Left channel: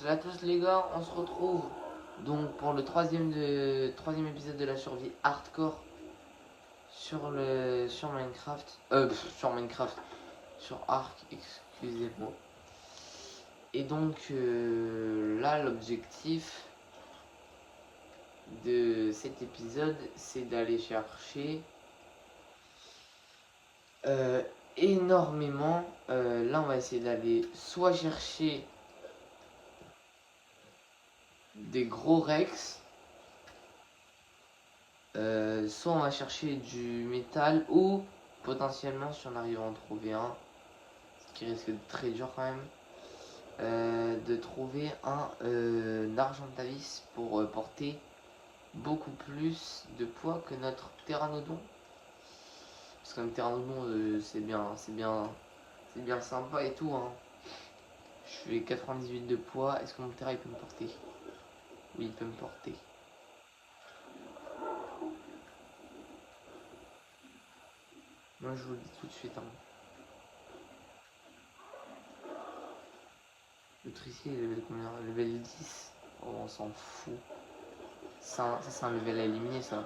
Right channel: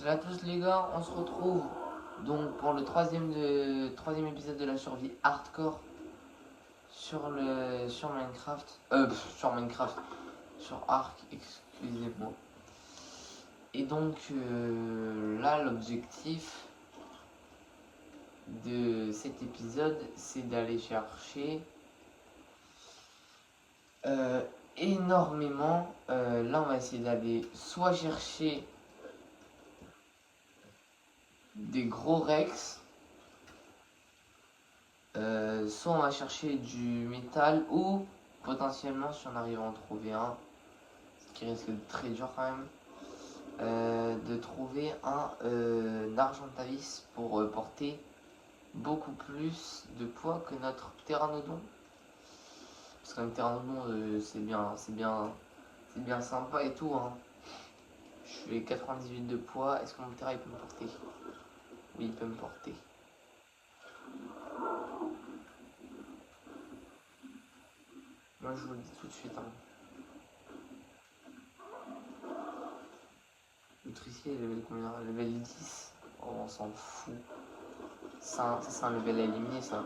Salut à tous les gars, on se retrouve donc pour le troisième épisode de la survie hardcore sur Minecraft. Sur Minecraft. Sur Ark, excusez-moi. Et donc là l'objectif de cet épisode c'est d'aller chercher énormément. Là on va essayer d'aller soit chercher des gros rex, soit on va chercher du métal ou potentiellement si on arrive à en trouver un, ce qui risque d'être très dur quand même, de trouver un Argentavis pour porter beaucoup plus de poids que notre Pteranodon. Parce qu'un Pteranodon c'est bien sympa et tout hein. Je fais 98 de poids, est-ce que mon Ptera il peut me porter? Oui, il peut me porter. Moi je vous le dis tout de suite hein. L'autre ici est level combien? Level 10. Oh, on s'en fout. Ça c'est un level à éliminer ça.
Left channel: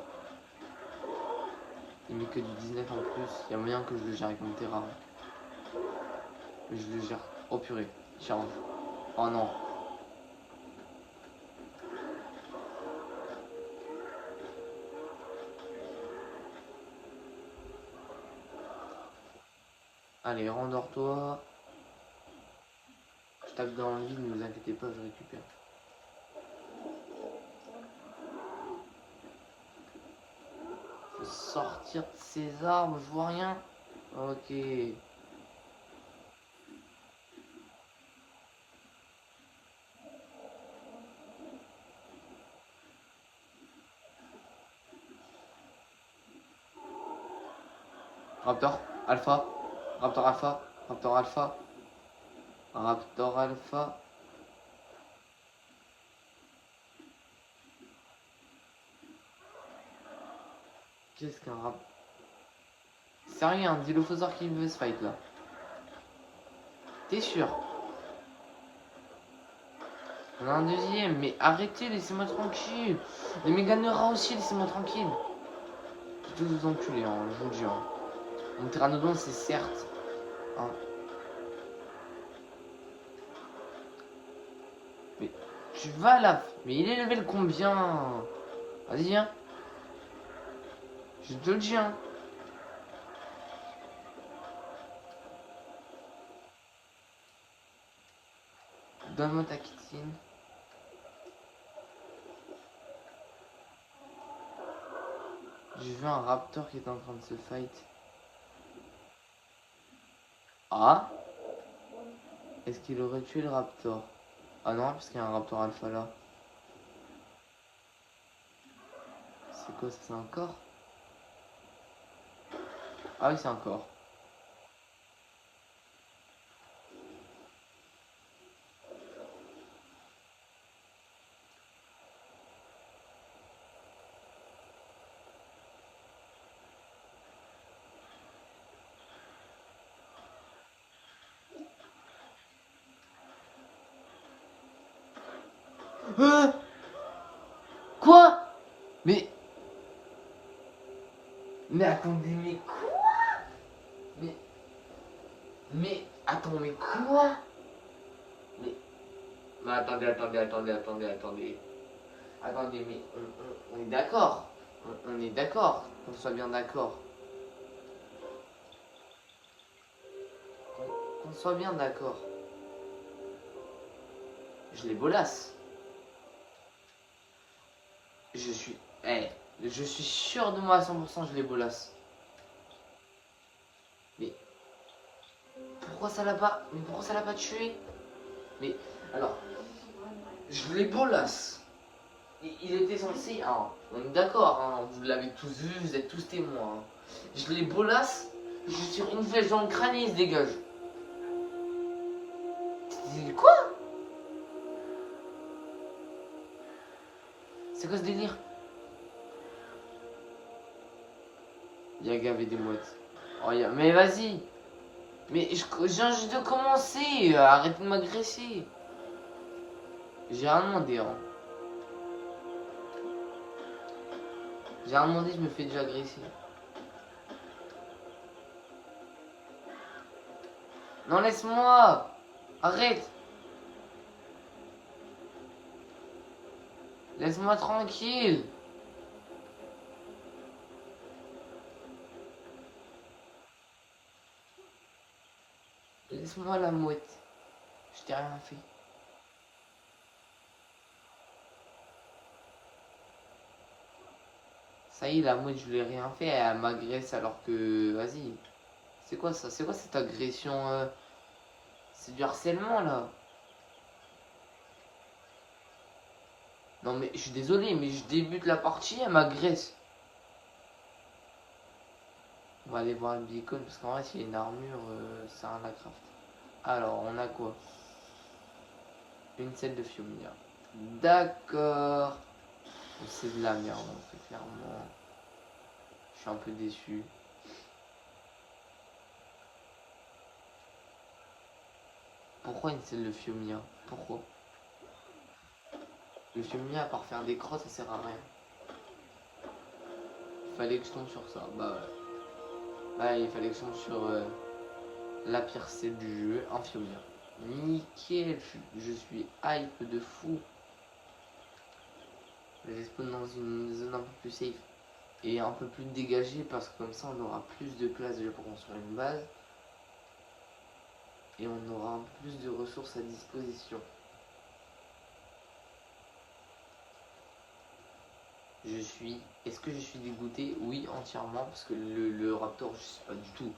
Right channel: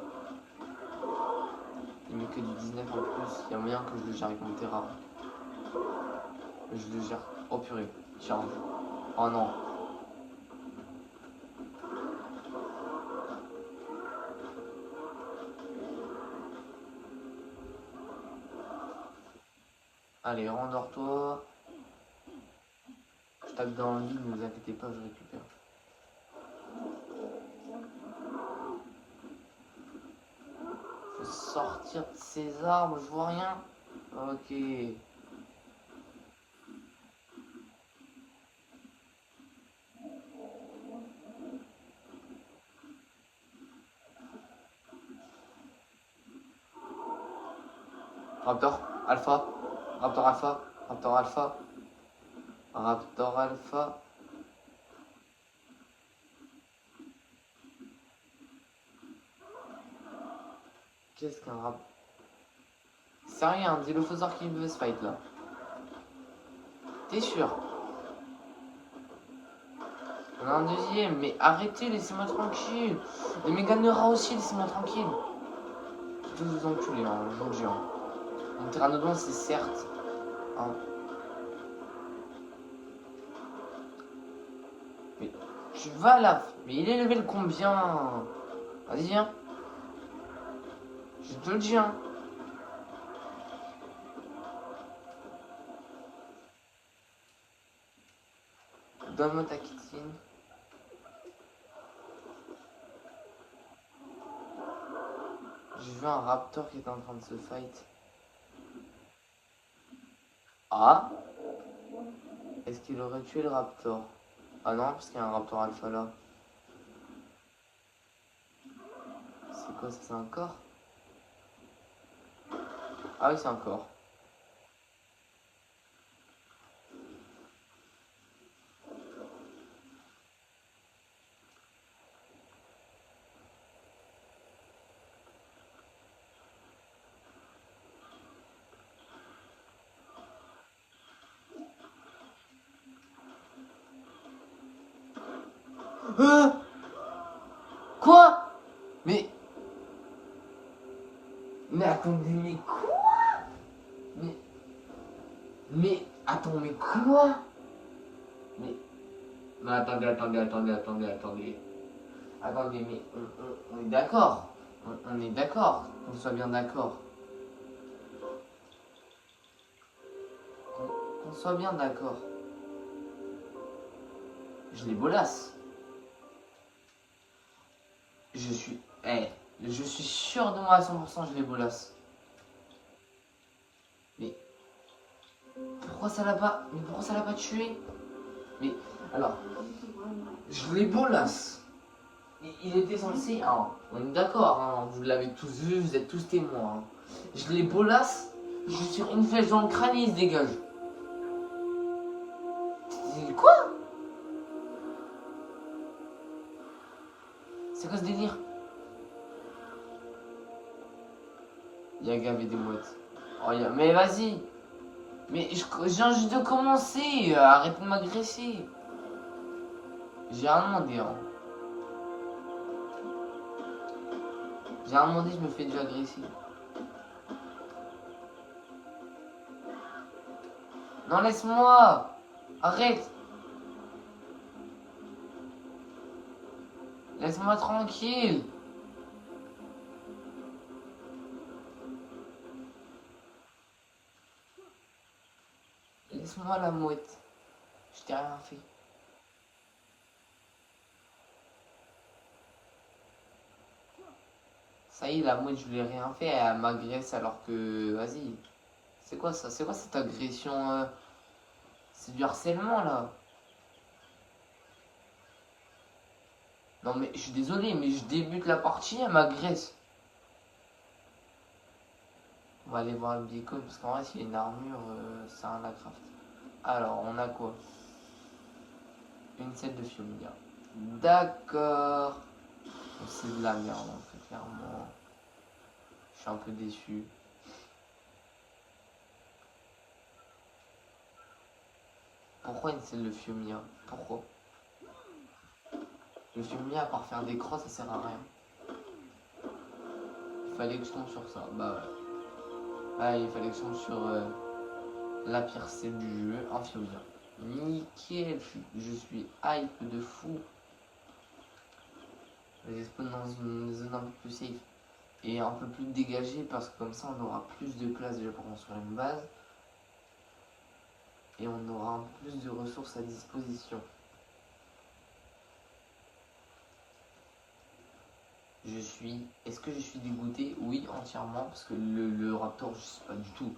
Il met que du 19 en plus. Il y a moyen que je le gère avec mon terrain. Mais je le gère. Oh purée, charge. Oh non. Allez, rendors-toi. Je tape dans le vide, ne vous inquiétez pas, je récupère. Faut sortir de ces arbres, je vois rien. Ok. Raptor Alpha. Raptor Alpha. Raptor Alpha. Raptor Alpha. Qu'est-ce qu'un rap? C'est rien, dis le Dilophosaure qui veut se fight là. T'es sûr? On a un deuxième, mais arrêtez, laissez-moi tranquille. Les Méganera aussi, laissez-moi tranquille. Je vais vous enculer, hein, je vous le jure. Un Pteranodon, c'est certes. Hein. Mais tu vas là. Mais il est level combien? Vas-y, viens. Je te le dis, hein. Donne-moi ta kitine. J'ai vu un raptor qui est en train de se fight. Ah? Est-ce qu'il aurait tué le raptor? Ah non, parce qu'il y a un raptor alpha là. C'est quoi ça? C'est un corps? Ah oui, c'est un corps. Quoi? Mais attendez, mais quoi? Mais attends, mais quoi? Mais attendez. Attendez, mais on est d'accord. On est d'accord. Qu'on soit bien d'accord. Qu'on soit bien d'accord. Je les bolasse. Je suis sûr de moi à 100%, je les bolasse. Mais pourquoi ça l'a pas tué? Mais alors, je les bolasse. Il était censé, hein, on est d'accord, hein, vous l'avez tous vu, vous êtes tous témoins. Hein. Je les bolasse, je tire une flèche dans le crâne et il se dégage. Quoi? C'est quoi ce délire? Y'a gavé des mottes. Oh, mais vas-y. Mais je viens juste de commencer. Arrête de m'agresser. J'ai rien demandé, hein. J'ai rien demandé, je me fais déjà agresser. Non, laisse-moi! Arrête! Laisse-moi tranquille! Laisse-moi la mouette. Je t'ai rien fait. Ça y est, la mouette, je lui ai rien fait. Elle m'agresse alors que... Vas-y. C'est quoi ça? C'est quoi cette agression C'est du harcèlement, là. Non, mais je suis désolé, mais je débute la partie, elle m'agresse. On va aller voir une beacon, parce qu'en vrai, s'il y a une armure, c'est un craft. Alors, on a quoi? Une selle de Fiomia. D'accord. C'est de la merde, en fait, clairement. Je suis un peu déçu. Pourquoi une selle de Fiomia? Pourquoi? Le Fiomia, à part faire des crosses, ça sert à rien. Il fallait que je tombe sur ça. Bah ouais. Ah, il fallait que je tombe sur la pire selle du jeu, un Fiomia. Nickel, je suis hype de fou. Je vais spawn dans une zone un peu plus safe et un peu plus dégagée parce que comme ça on aura plus de place déjà pour construire une base et on aura un peu plus de ressources à disposition. Est-ce que je suis dégoûté? Oui, entièrement, parce que le raptor, je sais pas du tout.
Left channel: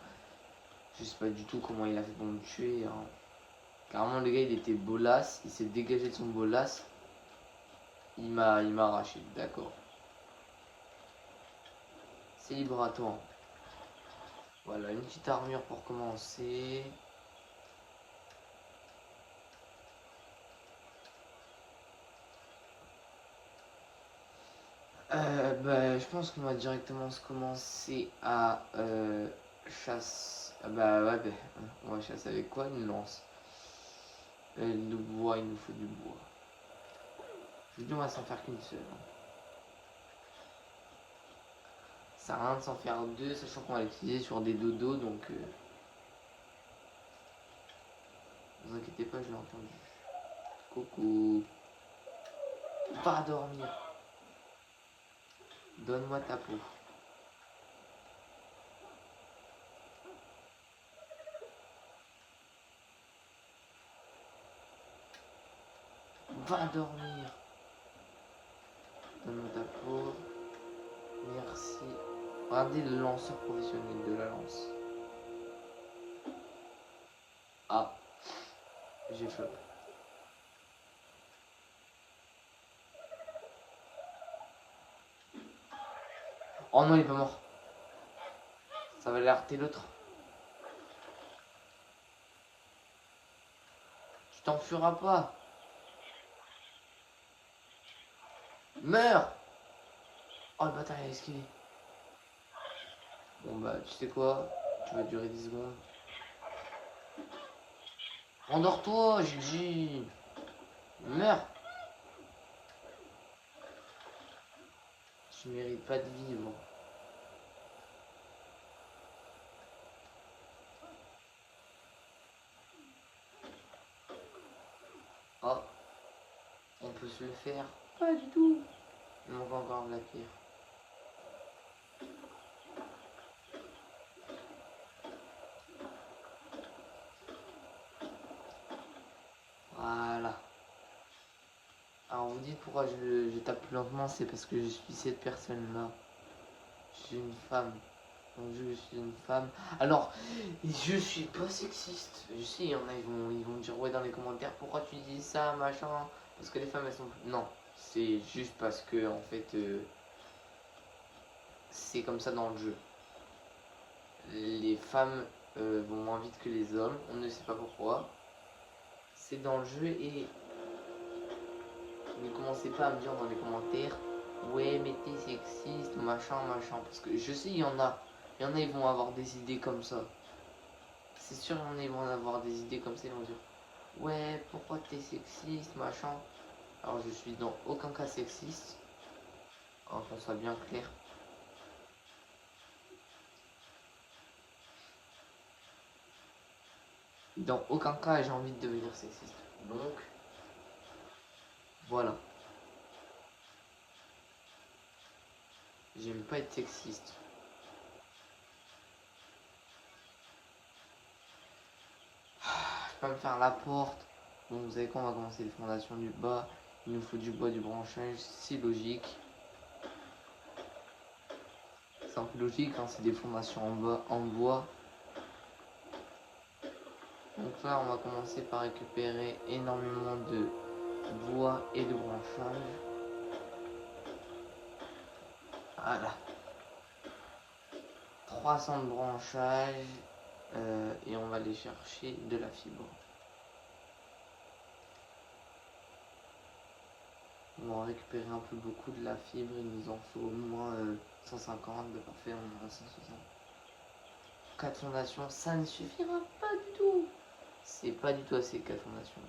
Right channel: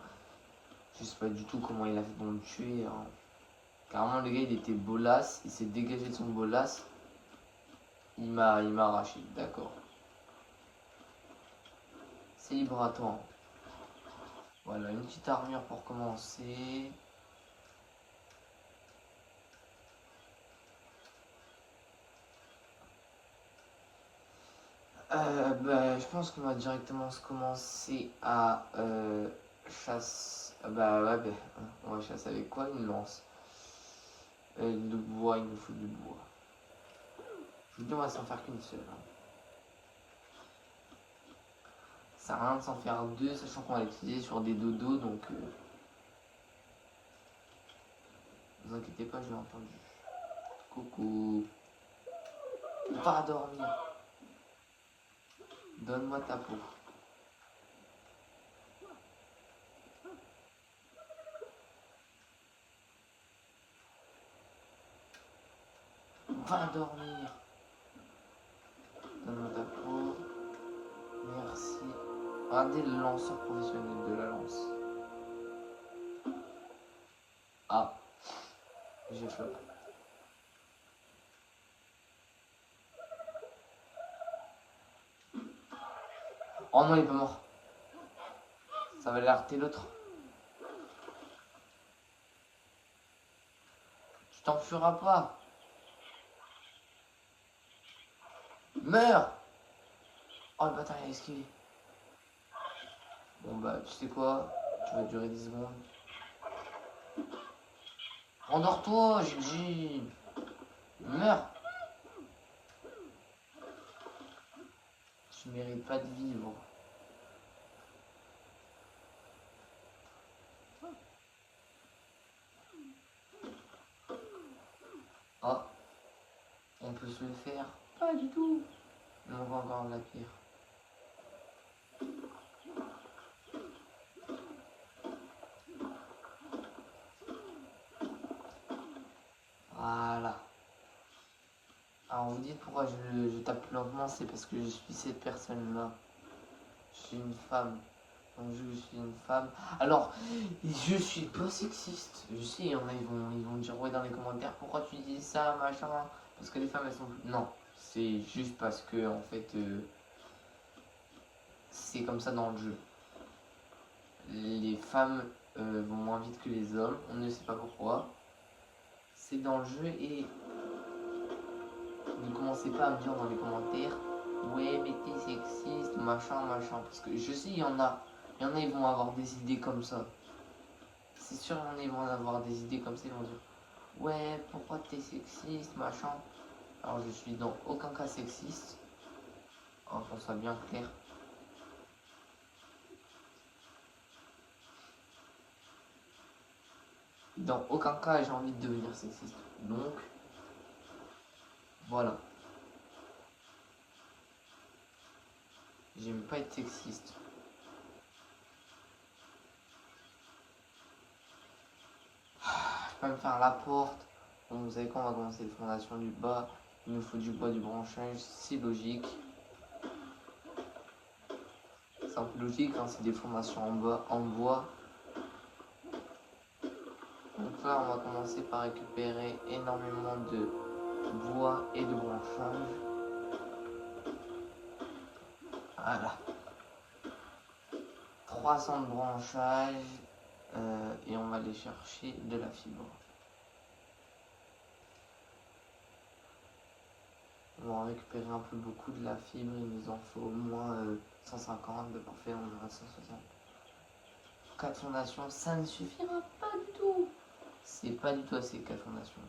Je sais pas du tout comment il a fait pour me tuer, hein. Clairement, le gars, il était bolasse, il s'est dégagé de son bolasse. Il m'a arraché, d'accord. C'est libre à toi. Voilà, une petite armure pour commencer. Bah, je pense qu'on va directement se commencer à chasse. Ah bah ouais, bah, on va chasser avec quoi? Une lance. De bois, il nous faut du bois. Je vous dis, on va s'en faire qu'une seule. Ça sert à rien de s'en faire deux, sachant qu'on va l'utiliser sur des dodos, donc ne vous inquiétez pas, je l'ai entendu. Coucou. Va dormir. Donne-moi ta peau. Va dormir. Donne-moi ta peau. Merci. Regardez le lanceur professionnel de la lance. Ah, j'ai chaud. Oh non, il est pas mort. Ça va alerter l'autre. Tu t'en feras pas. Meurs. Oh le bâtard, il a esquivé. Bon bah, tu sais quoi? Tu vas durer 10 secondes. Endors-toi, GG. Meurs. Tu mérites pas de vivre. Oh, on peut se le faire. Pas du tout. On va encore de la pierre. Voilà. Alors vous dites pourquoi je tape lentement, c'est parce que je suis cette personne-là. Je suis une femme. Donc je suis une femme. Alors, je suis pas sexiste. Je sais, il y en a, ils vont dire ouais dans les commentaires pourquoi tu dis ça, machin. Parce que les femmes elles sont. Non, c'est juste parce que en fait c'est comme ça dans le jeu. Les femmes vont moins vite que les hommes, on ne sait pas pourquoi. C'est dans le jeu et ne commencez pas à me dire dans les commentaires ouais mais t'es sexiste, machin, machin. Parce que je sais, il y en a, ils vont avoir des idées comme ça. C'est sûr, il y en a, ils vont avoir des idées comme ça, ils vont dire ouais, pourquoi t'es sexiste, machin. Alors je suis dans aucun cas sexiste, hein, qu'on soit bien clair. Dans aucun cas j'ai envie de devenir sexiste. Donc, voilà. J'aime pas être sexiste. Je peux me faire la porte. Bon, vous savez quoi, on va commencer les fondations du bas. Il nous faut du bois, du branchage, c'est logique. C'est un peu logique, hein, c'est des fondations en bois. Donc là, on va commencer par récupérer énormément de bois et de branchage. Voilà. 300 de branchage. Et on va aller chercher de la fibre. On va récupérer un peu beaucoup de la fibre. Il nous en faut au moins 150. De parfait, on en a 160. 4 fondations, ça ne suffira pas du tout. C'est pas du tout assez 4 fondations.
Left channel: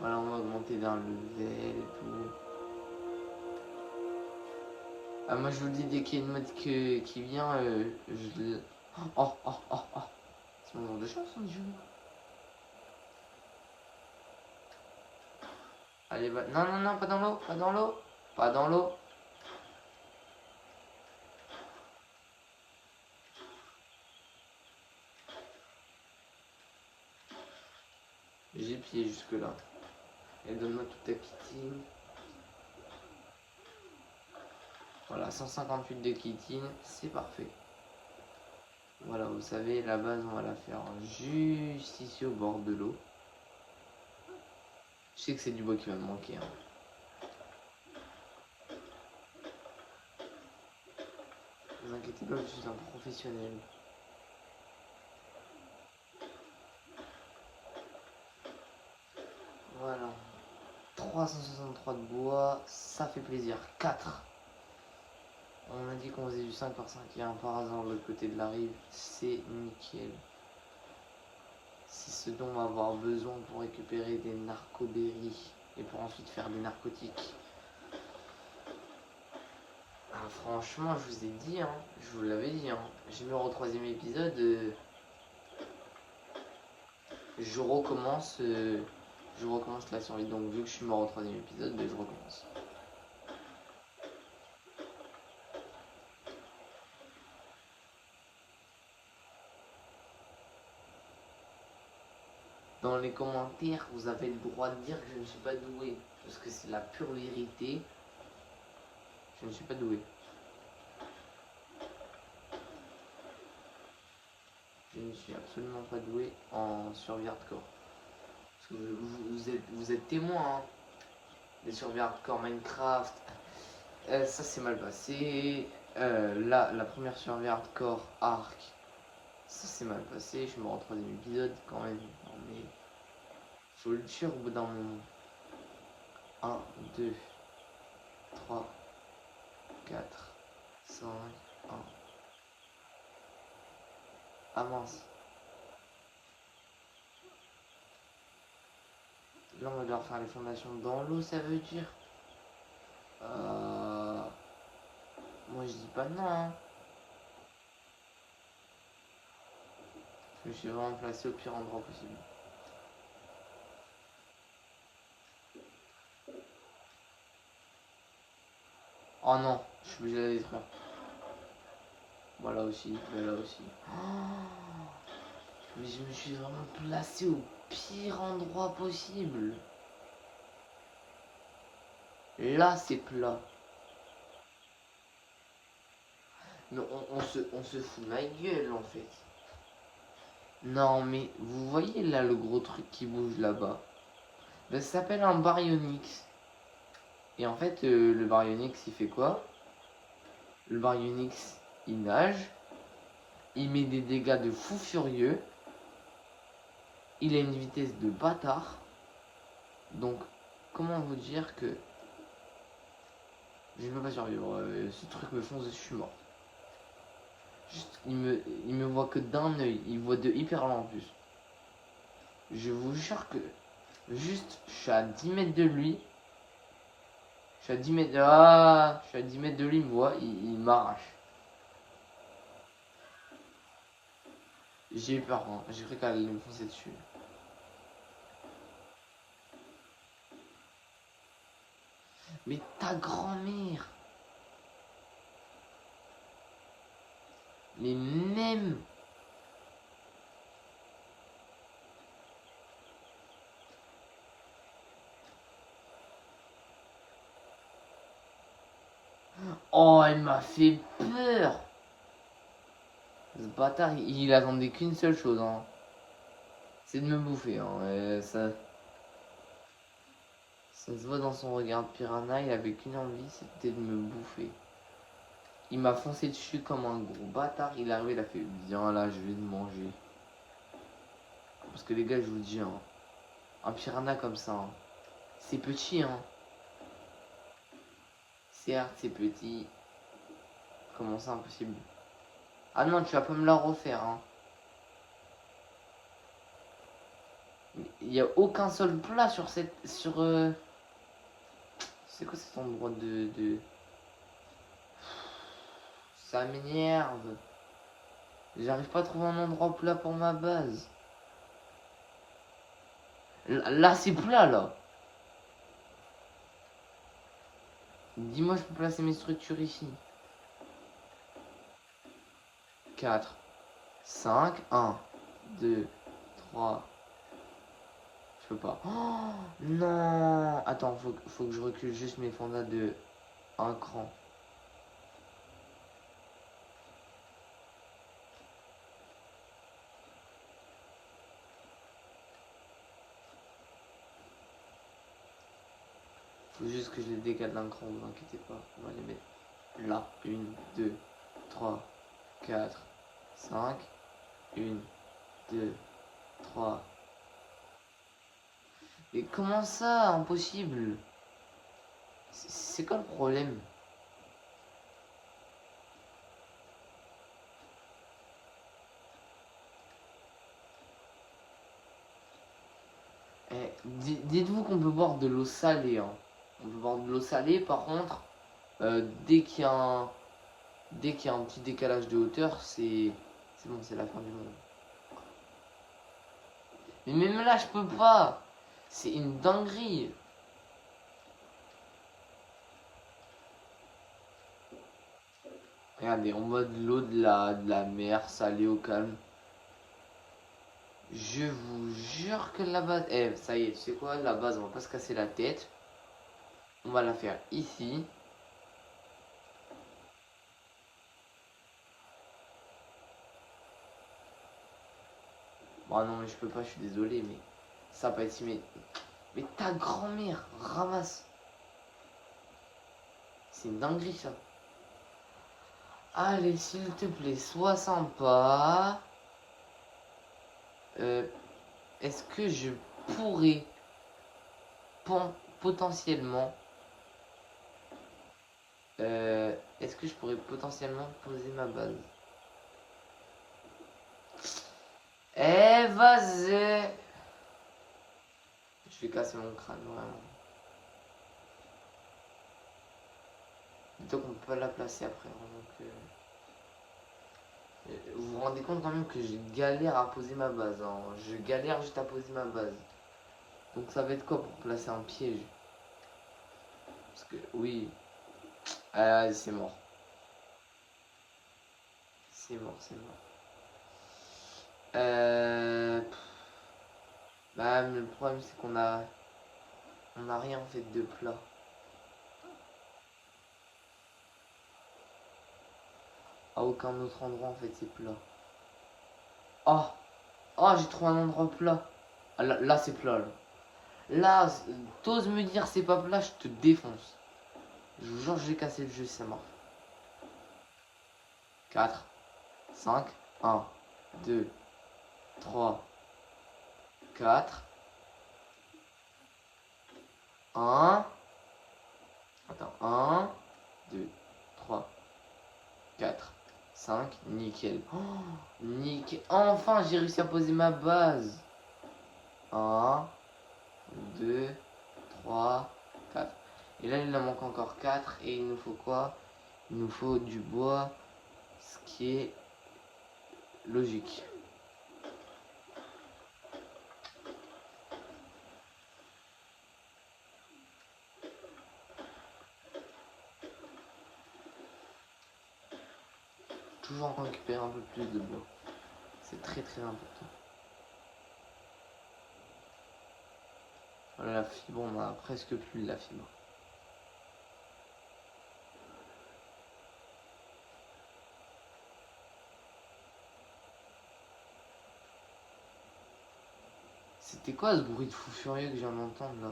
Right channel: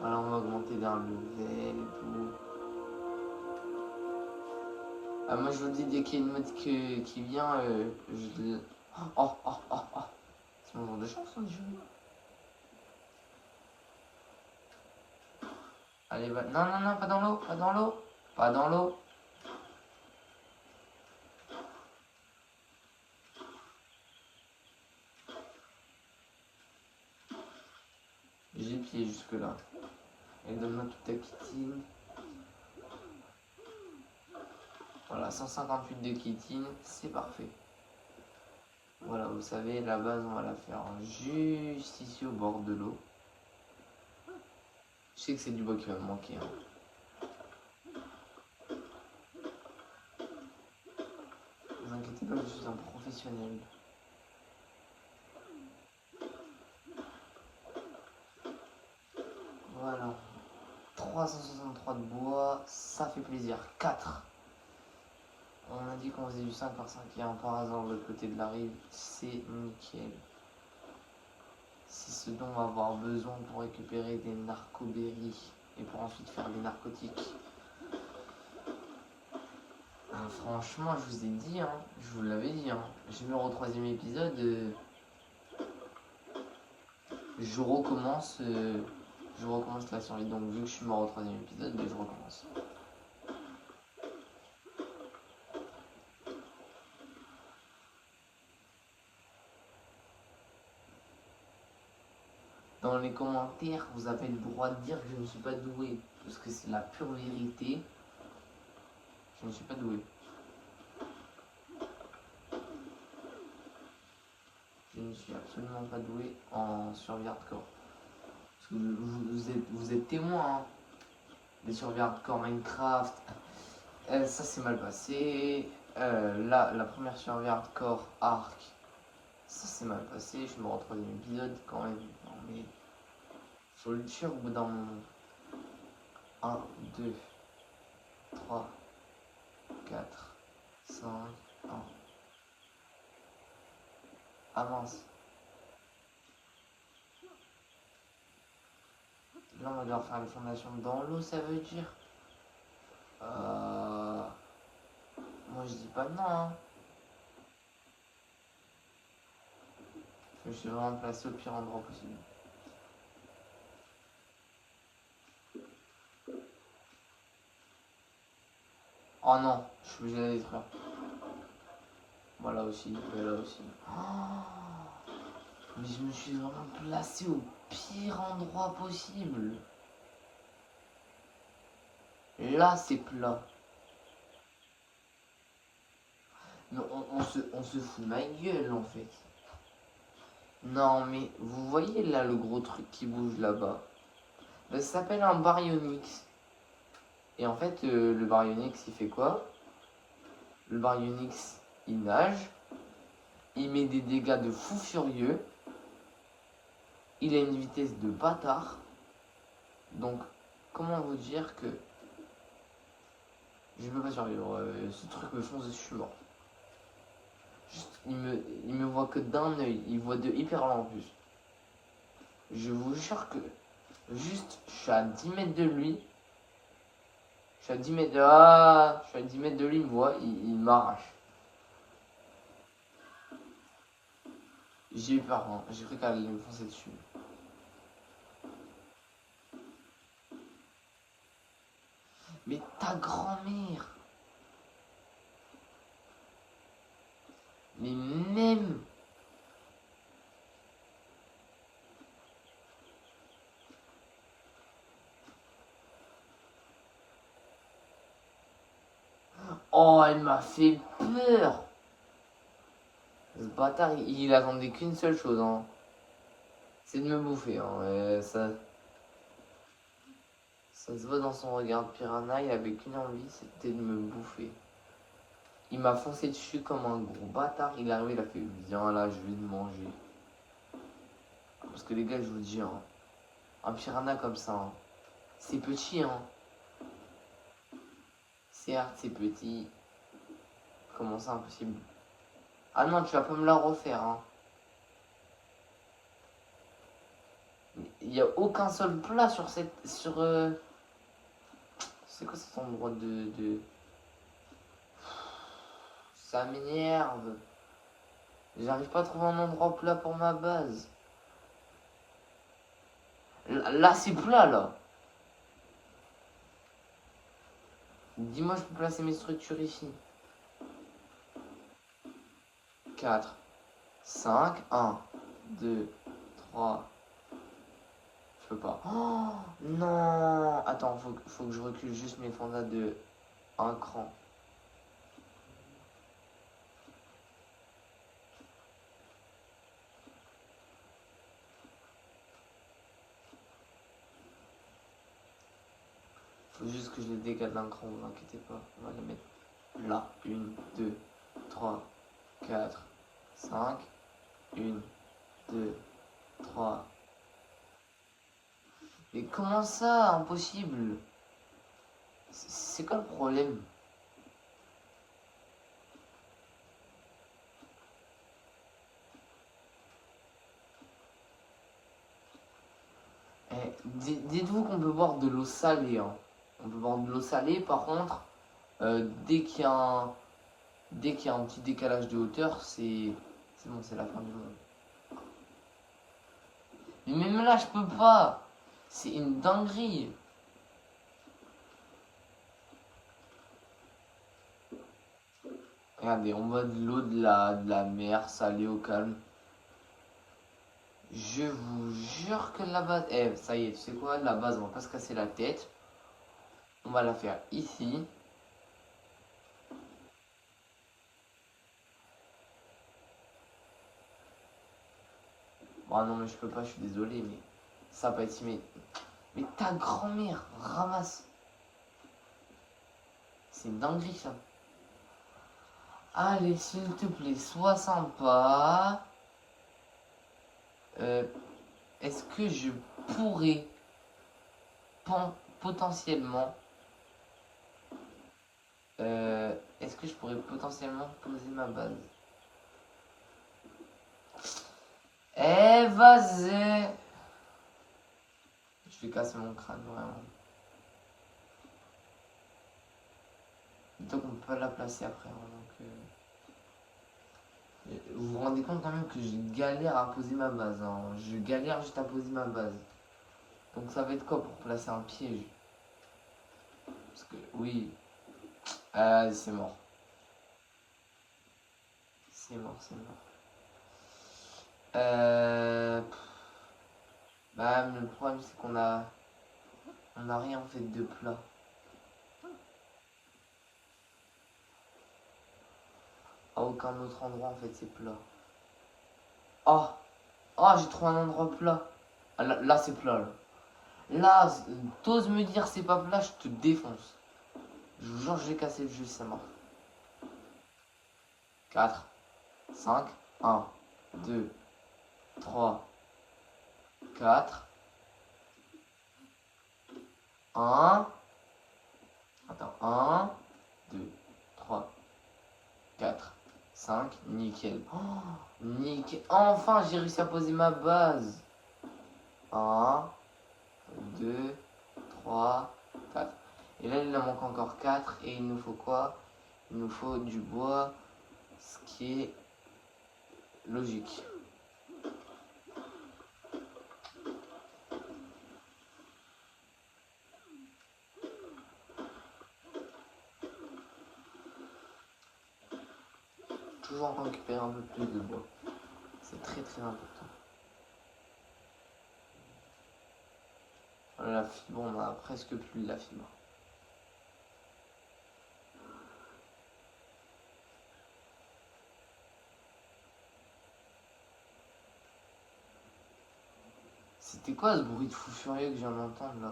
Voilà, on va augmenter d'un level et tout. Ah, moi je vous dis, dès qu'il y a une mode qui vient, je le... Oh. C'est mon genre de chance, hein, je joue. Allez, va... Non, pas dans l'eau, pas dans l'eau. Pas dans l'eau. J'ai pied jusque là. Et donne-moi toute ta chitine. Voilà, 158 de chitine, c'est parfait. Voilà, vous savez, la base, on va la faire juste ici au bord de l'eau. Je sais que c'est du bois qui va me manquer. Hein. Ne vous inquiétez pas, je suis un professionnel. Voilà. 363 de bois, ça fait plaisir. 4. On a dit qu'on faisait du 5 par 5 et un par hasard de l'autre côté de la rive, c'est nickel. C'est ce dont on va avoir besoin pour récupérer des narcoberries et pour ensuite faire des narcotiques. Ah, franchement, je vous ai dit, hein, je vous l'avais dit, hein, je meurs au 3ème épisode, je recommence la série. Donc vu que je suis mort au 3ème épisode, je recommence. Dans les commentaires, vous avez le droit de dire que je ne suis pas doué, parce que c'est la pure vérité. Je ne suis pas doué. Je ne suis absolument pas doué en survie hardcore. Parce que vous êtes témoin, hein. Des survies hardcore Minecraft, ça s'est mal passé. Là, la première survie hardcore Arc, ça s'est mal passé. Je me retrouve dans l'épisode quand même. Mais faut le tuer au bout d'un moment. 1, 2, 3, 4, 5, 1. Avance. Là, on va leur faire les formations dans l'eau, ça veut dire. Moi, je dis pas non. Hein. Je me suis vraiment placé au pire endroit possible. Oh non, je suis obligé de la détruire. Voilà aussi, là aussi. Oh, mais je me suis vraiment placé au pire endroit possible. Là, c'est plat. Mais on se fout de ma gueule, en fait. Non, mais vous voyez là le gros truc qui bouge là-bas. Ben, ça s'appelle un baryonyx. Et en fait, le baryonyx, il fait quoi? Le baryonyx, il nage. Il met des dégâts de fou furieux. Il a une vitesse de bâtard. Donc, comment vous dire que je vais pas survivre. Ce truc me fonce, je suis mort. Juste, il me voit que d'un œil. Il voit de hyper loin en plus. Je vous jure que juste, je suis à 10 mètres de lui. Je suis à 10 mètres. Ah, je suis à 10 mètres de lui, moi, il m'arrache. J'ai eu peur, moi. J'ai cru qu'elle allait me foncer dessus. Mais ta grand-mère. Mais même. Oh, elle m'a fait peur. Ce bâtard, il attendait qu'une seule chose, hein. C'est de me bouffer, hein. Ça se voit dans son regard de piranha, il avait qu'une envie, c'était de me bouffer. Il m'a foncé dessus comme un gros bâtard, il est arrivé, il a fait viens là, je vais te manger. Parce que les gars, je vous dis, hein, un piranha comme ça, hein, c'est petit, hein. Certes, c'est petit. Comment ça, impossible? Ah non, tu vas pas me la refaire, hein. Il n'y a aucun sol plat sur cette. C'est quoi cet endroit de. Ça m'énerve. J'arrive pas à trouver un endroit plat pour ma base. Là, c'est plat, là. Dis-moi, je peux placer mes structures ici. 4, 5, 1, 2, 3. Je peux pas. Oh, non. Attends, faut que je recule juste mes pandas de un cran. Faut juste que je les décale d'un cran, ne vous inquiétez pas. On va les mettre là. 1, 2, 3, 4, 5. 1, 2, 3. Mais comment ça, impossible? C'est quoi le problème? Eh, dites-vous qu'on peut boire de l'eau salée, hein. On peut boire de l'eau salée, par contre, dès qu'il y a un petit décalage de hauteur, c'est bon, c'est la fin du monde. Mais même là, je peux pas. C'est une dinguerie. Regardez, on boit de l'eau de la mer salée au calme. Je vous jure que la base. Eh, ça y est, tu sais quoi? La base, on va pas se casser la tête. On va la faire ici. Bon, non, mais je peux pas, je suis désolé, mais ça va pas être mais ta grand-mère, ramasse. C'est une dinguerie, ça. Allez, s'il te plaît, sois sympa. Est-ce que je pourrais potentiellement. Est-ce que je pourrais potentiellement poser ma base? Eh, vas-y! Je vais casser mon crâne, vraiment. Donc on peut la placer après. Donc, vous vous rendez compte quand même que j'ai galère à poser ma base, hein. Je galère juste à poser ma base. Donc ça va être quoi pour placer un piège? Parce que oui. Ah, c'est mort. C'est mort, c'est mort. Bah, le problème c'est on a rien fait de plat. À aucun autre endroit en fait c'est plat. Oh, oh, j'ai trouvé un endroit plat. Ah, là c'est plat là. Là, t'oses me dire c'est pas plat, je te défonce. Je vous jure, je vais casser le jeu, c'est mort. 4, 5, 1, 2, 3, 4, 1. Attends, 1, 2, 3, 4, 5, nickel. Oh, nickel. Enfin, j'ai réussi à poser ma base. 1, 2, 3, 4. Et là, il en manque encore 4. Et il nous faut quoi? Il nous faut du bois, ce qui est logique. Toujours récupérer un peu plus de bois. C'est très très important. Voilà, la fibre, on a presque plus de la fibre. C'était quoi ce bruit de fou furieux que je viens d'entendre là?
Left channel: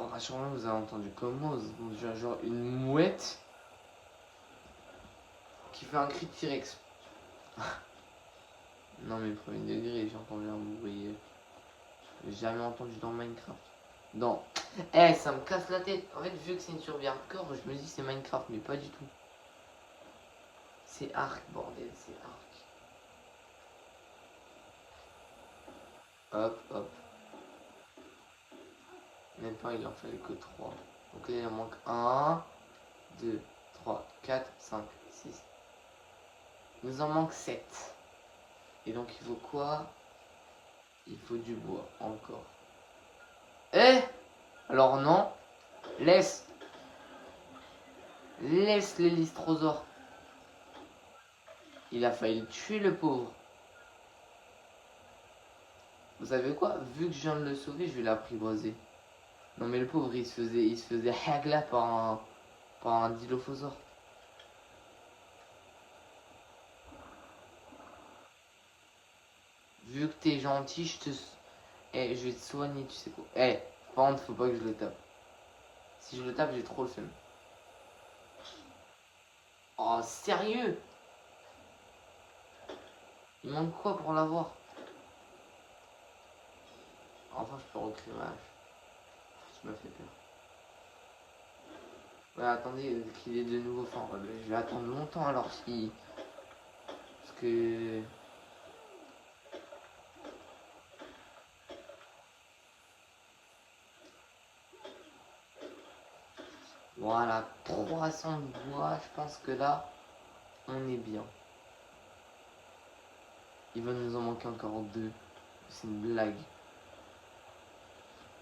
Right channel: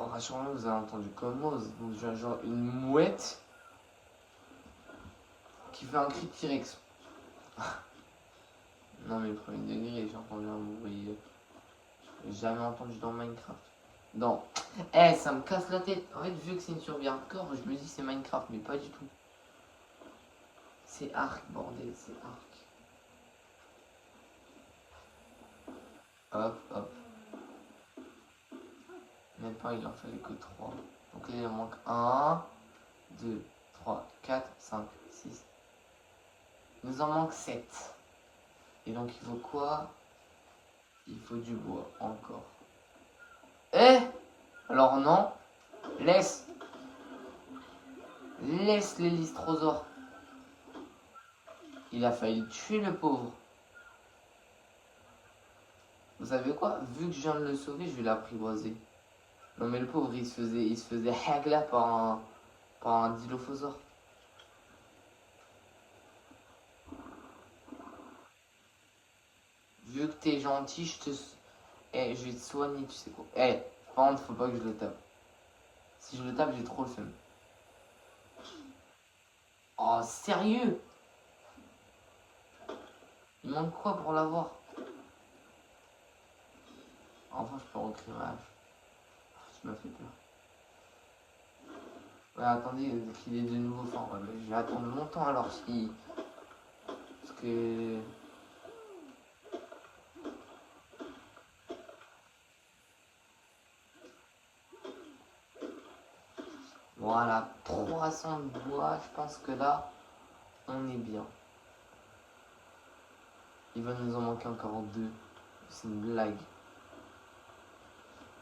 Oh, rassure-moi, vous avez entendu comment? Genre une mouette qui fait un cri de T-Rex. Non mais premier degré, j'ai entendu un bruit que j'ai jamais entendu dans Minecraft. Non. Eh, ça me casse la tête. En fait, vu que c'est une survie hardcore, je me dis c'est Minecraft, mais pas du tout. C'est Ark, bordel, c'est Ark. Hop, hop. Maintenant, il en fallait que 3. Donc là, il en manque 1, 2, 3, 4, 5, 6. Il nous en manque 7. Et donc, il faut quoi? Il faut du bois, encore. Eh! Alors non. Laisse. Laisse l'hélistrosaure. Il a failli tuer le pauvre. Vous savez quoi? Vu que je viens de le sauver, je vais l'apprivoiser. Non mais le pauvre, il se faisait hagla par un dilophosaure. Vu que t'es gentil, je vais te soigner, tu sais quoi. Par contre, faut pas que je le tape. Si je le tape, j'ai trop le seum. Oh, sérieux? Il manque quoi pour l'avoir? Enfin, je peux recréer ma hache. Ça m'a fait peur. Ouais, attendez, qu'il est de nouveau fort. Ouais, je vais attendre longtemps alors si. Parce que. Voilà, 300 de bois, je pense que là, on est bien. Il va nous en manquer encore 2. C'est une blague.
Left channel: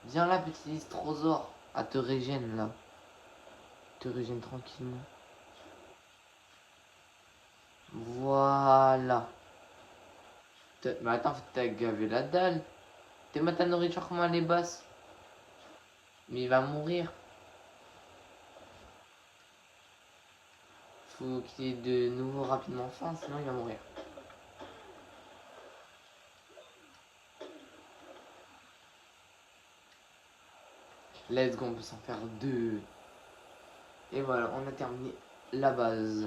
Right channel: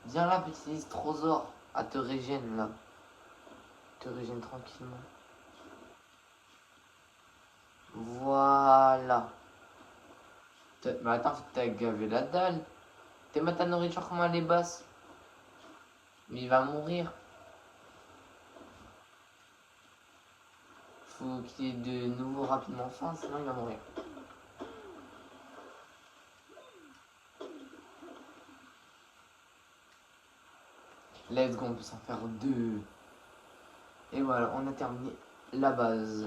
Viens là, petit dystrosaure. Ah, te régène là. Te régène tranquille. Voilà. Mais attends, faut que t'aies gavé la dalle. T'es ma ta nourriture, comment elle est basse? Mais il va mourir. Faut qu'il ait de nouveau rapidement faim, sinon il va mourir. Let's go, on peut s'en faire 2. Et voilà, on a terminé la base.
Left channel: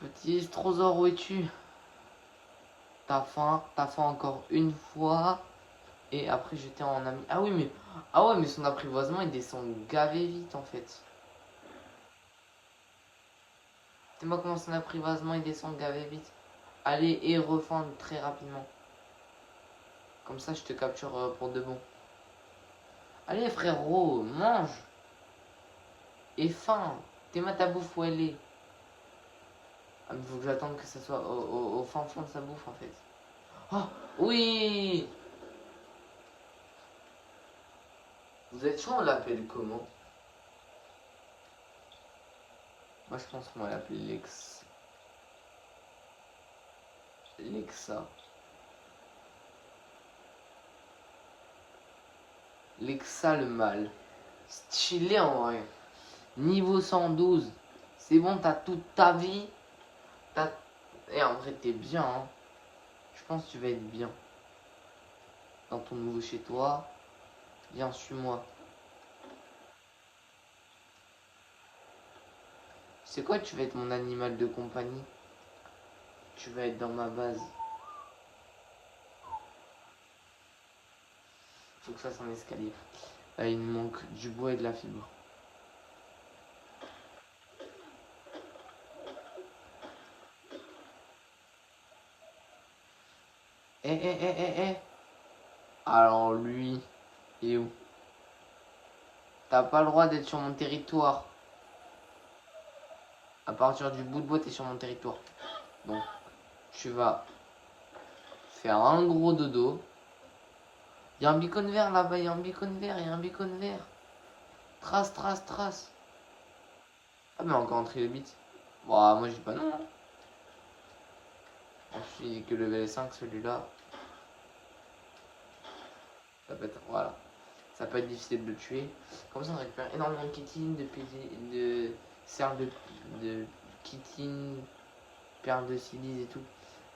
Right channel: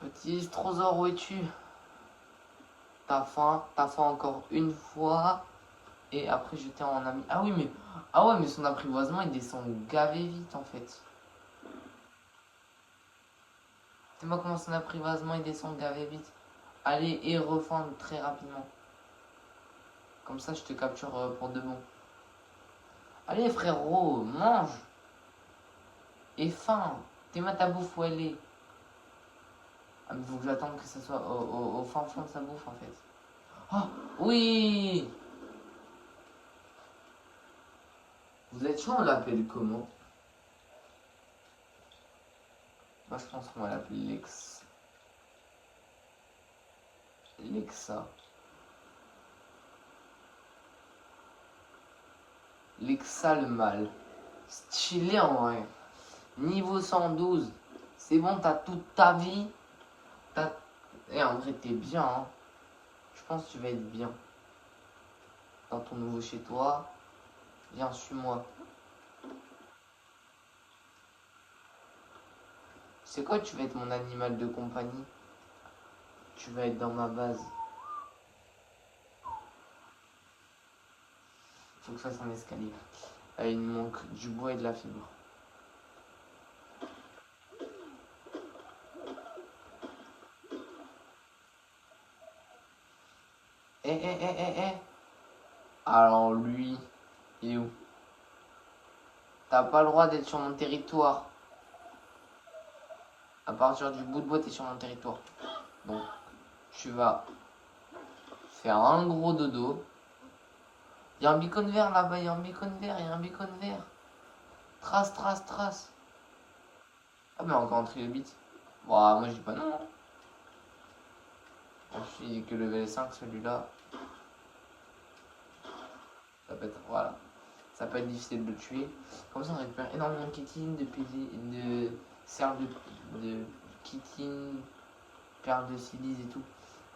Petit Strosaure, où es-tu? T'as faim encore une fois. Et après j'étais en ami. Ah oui, mais. Ah ouais, mais son apprivoisement il descend gavé vite en fait. C'est moi comment son apprivoisement il descend gavé vite. Allez, et refends très rapidement. Comme ça je te capture pour de bon. Allez frérot, mange. Et faim. T'es ma ta bouffe où elle est. Faut que j'attende que ça soit au fin fond de sa bouffe en fait. Oh oui. Vous êtes sûr on l'appelle comment? Moi je pense qu'on va l'appeler Lexa. Lexa le mal. Stylé en vrai. Niveau 112. C'est bon, t'as toute ta vie. Et en vrai t'es bien. Hein. Je pense que tu vas être bien. Dans ton nouveau chez toi. Viens, suis-moi. C'est quoi, tu vas être mon animal de compagnie? Tu vas être dans ma base. Faut que ça fasse un escalier. Là, il nous manque du bois et de la fibre. Eh. Alors lui, il est où? T'as pas le droit d'être sur mon territoire. À partir du bout de bois, t'es sur mon territoire. Donc, tu vas faire un gros dodo. Il y a un beacon vert là-bas, il y a un beacon vert. Trace. Ah mais encore entré le bit. Bon, moi j'ai pas non. Je suis que level 5 celui-là. Ça peut être, voilà. Ça peut être difficile de le tuer. Comme ça on récupère énormément de kitine, de cernes de kitine, perles de silice et tout.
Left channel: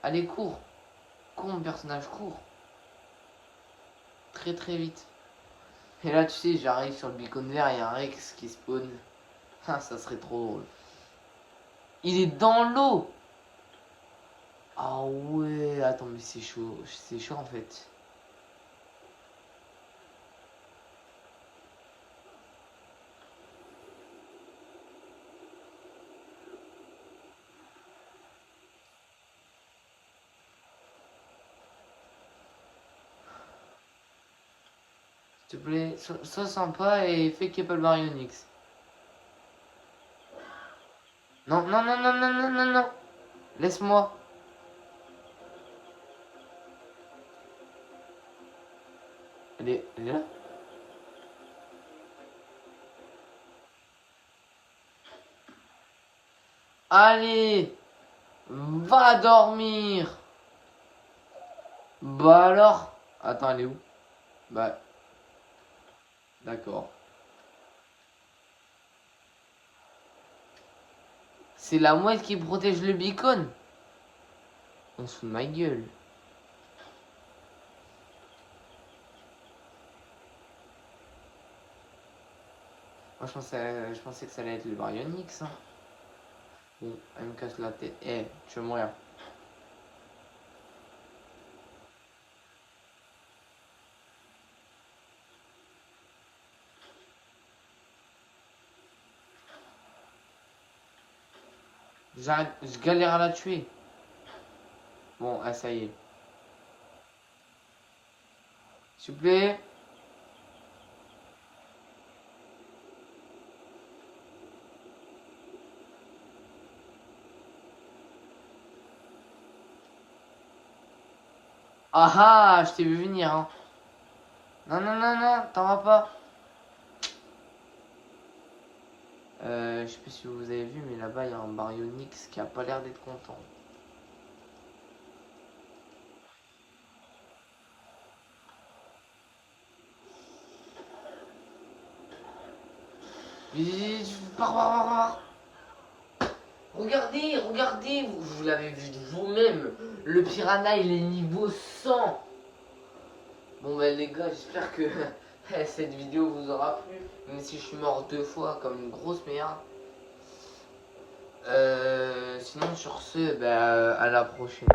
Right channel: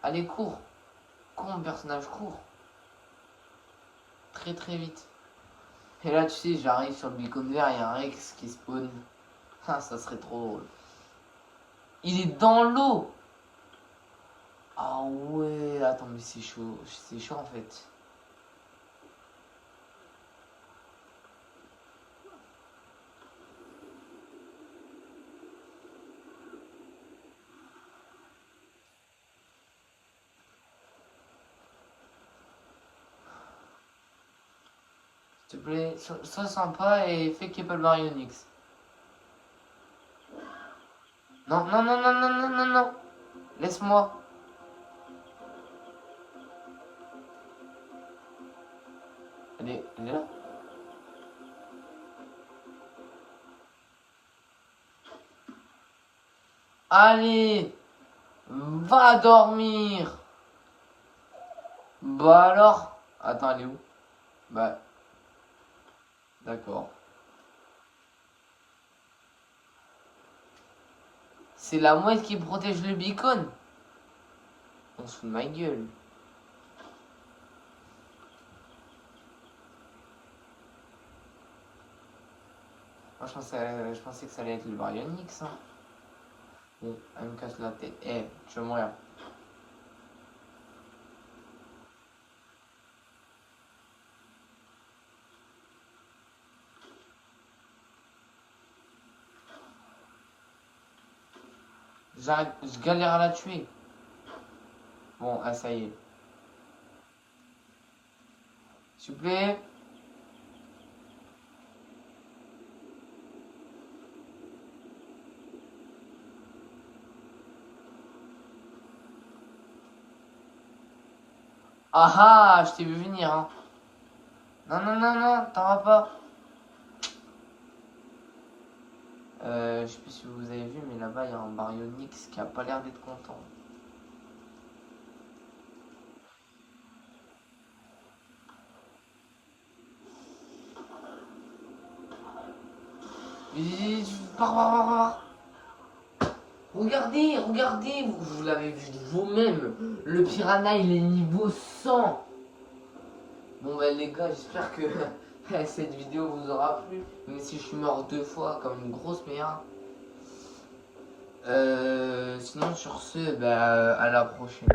Allez, cours. Cours mon personnage, cours. Très vite. Et là tu sais, j'arrive sur le beacon vert, il y a un Rex qui spawn. Ah, ça serait trop drôle. Il est dans l'eau. Ah ouais, attends mais c'est chaud en fait. S'il te plaît, sois sympa et fais qu'il n'y ait pas le Baryonyx. Non. Laisse-moi. Elle est là. Allez, va dormir. Bah alors. Attends, elle est où? Bah, d'accord. C'est la mouette qui protège le beacon. On se fout de ma gueule. Moi je pensais que ça allait être le Baryonyx. Hein. Bon, elle me casse la tête. Eh, tu vas mourir. Je galère à la tuer. Bon, là ça y est. S'il vous plaît. Ah ah, je t'ai vu venir. Hein. Non, t'en vas pas. Je sais pas si vous avez vu, mais là-bas il y a un Baryonyx qui a pas l'air d'être content. Regardez, vous l'avez vu de vous-même. Le piranha il est niveau 100. Bon bah les gars, j'espère que cette vidéo vous aura plu. Même si je suis mort 2 fois comme une grosse merde. Sinon sur ce, bah, à la prochaine.